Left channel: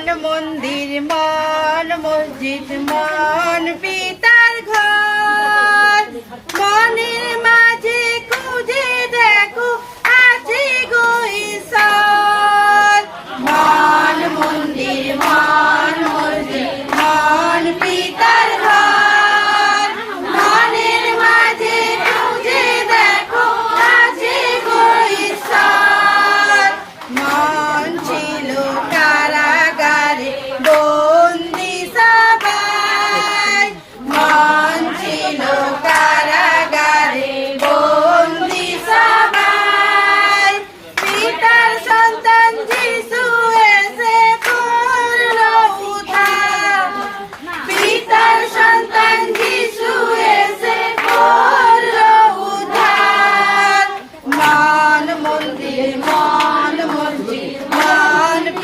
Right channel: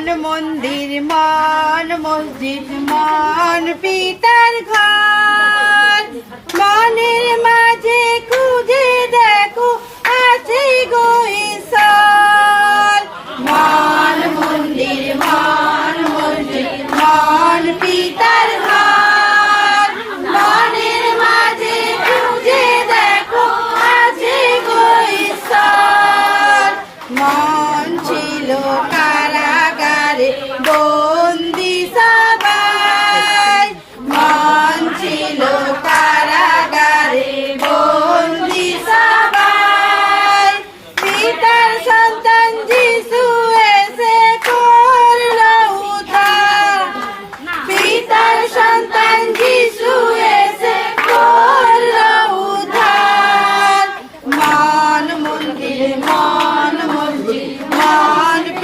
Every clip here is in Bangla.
মান মন্দির মান মসজিদ মান পিতার ঘর। মনের মাঝে খুঁজে দেয়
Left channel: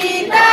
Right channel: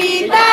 vida.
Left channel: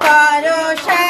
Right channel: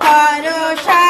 করো সা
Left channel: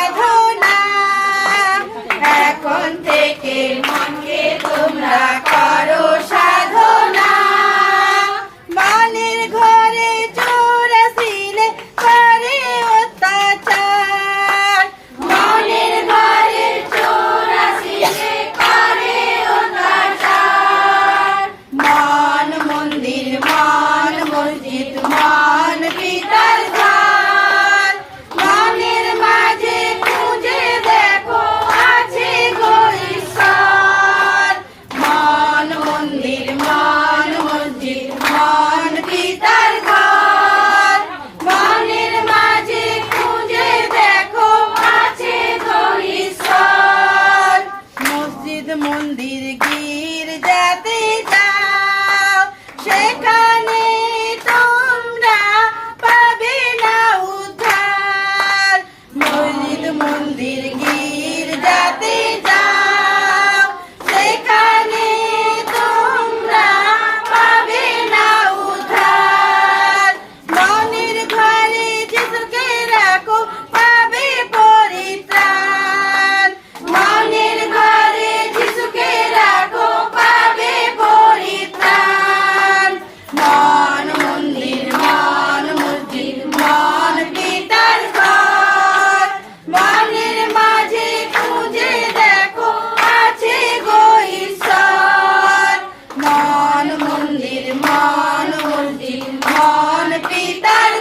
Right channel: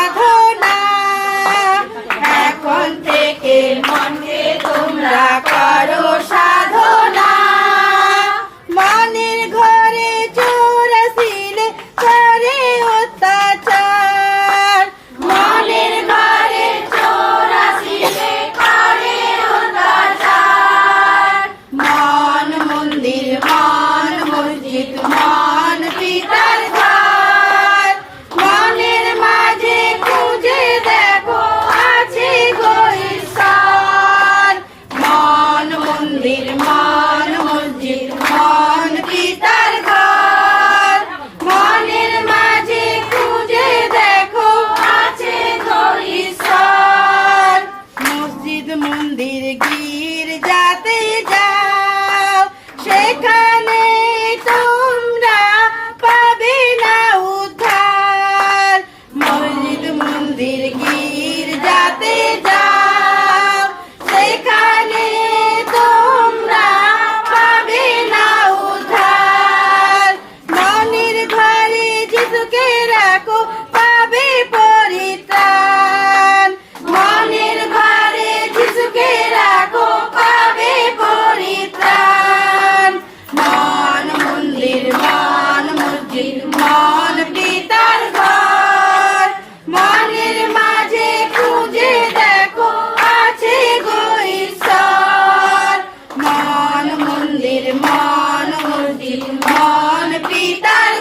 পিতার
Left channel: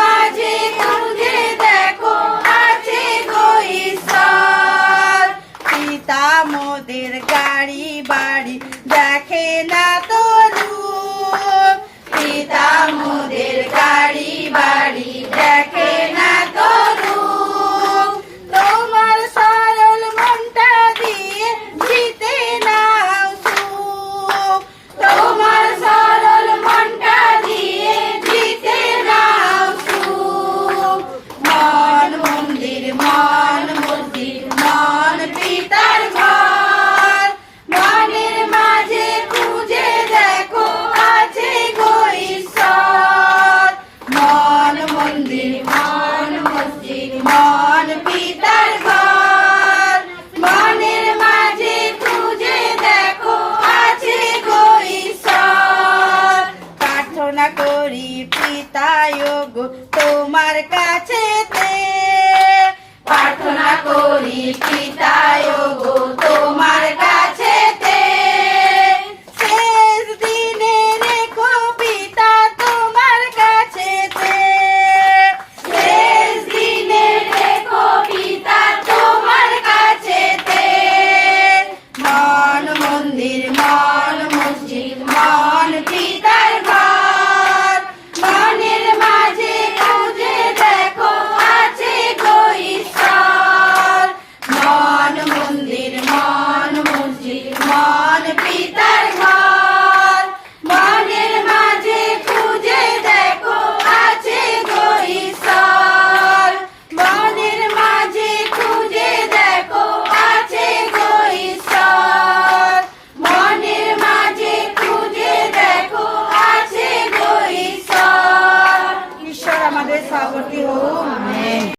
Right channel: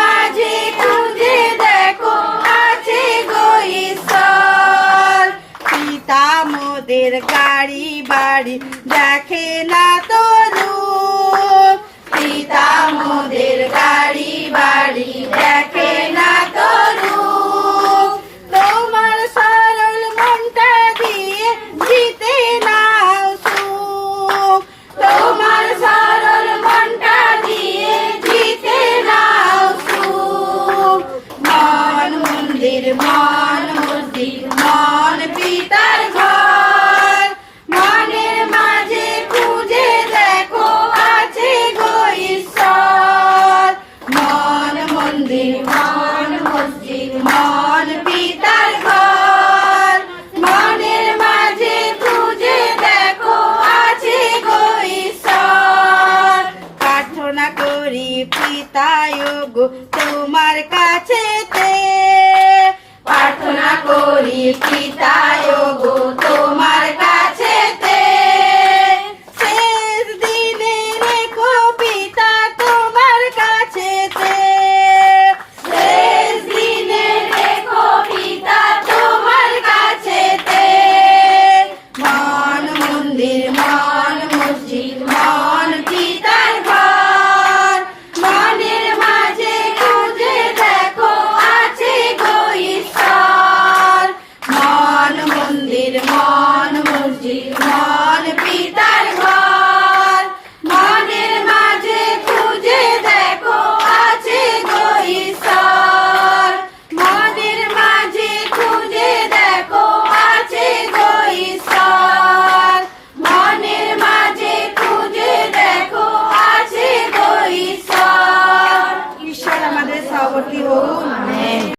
মাঝে খুঁজে দেখো, আছে গইসর পিতা মোদের গাড়ি বাড়ি দেখে না তো রূপ। পিতা মোদের গো তোমার কাছেতে প্রার্থনা করি পিতায় গো।